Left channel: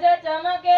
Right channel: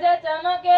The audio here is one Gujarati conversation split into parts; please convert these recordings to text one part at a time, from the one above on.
ધજ ચમકે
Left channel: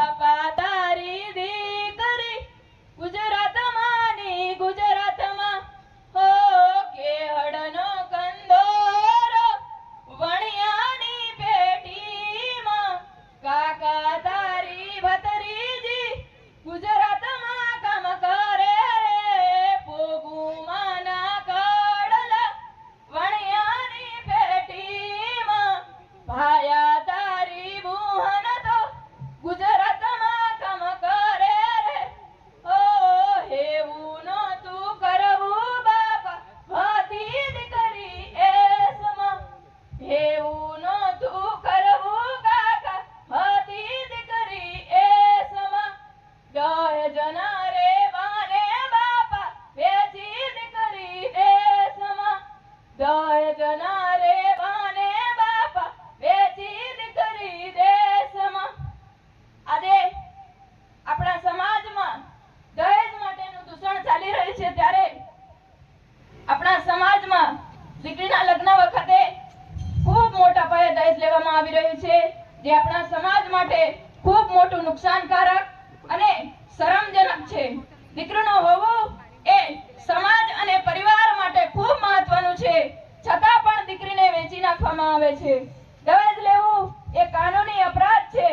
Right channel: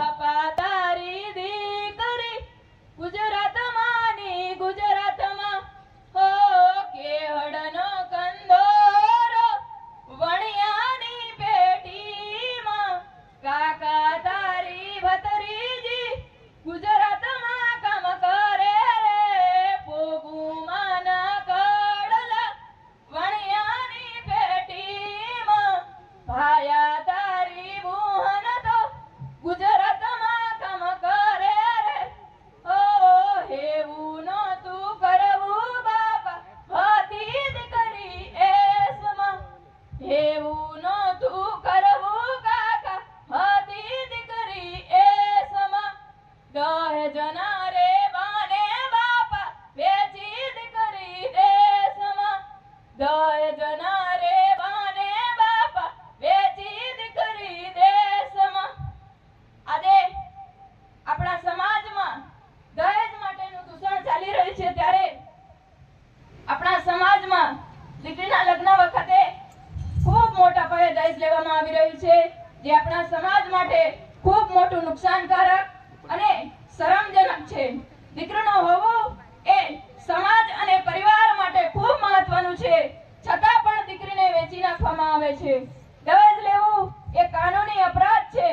દૂષણ ચાલી રહ્યું છે ત્યારે આપણા સમાજમાં દીકરીના લગ્ન વખતે ખૂબ મોટા પાયે દહેજ લેવામાં આવી રહ્યું છે, જે આપણા સમાજ માટે ખૂબ મોટું નુકસાનકારક અને શરમજનક છે. દીકરીનું હોવું એ સમાજ અને પરિવાર માટે ખૂબ મહત્વનું છે. છતાં પણ દીકરીને વેચી નાખવામાં આવે છે. દહેજ લેવું એ કાનૂની અપરાધ છે.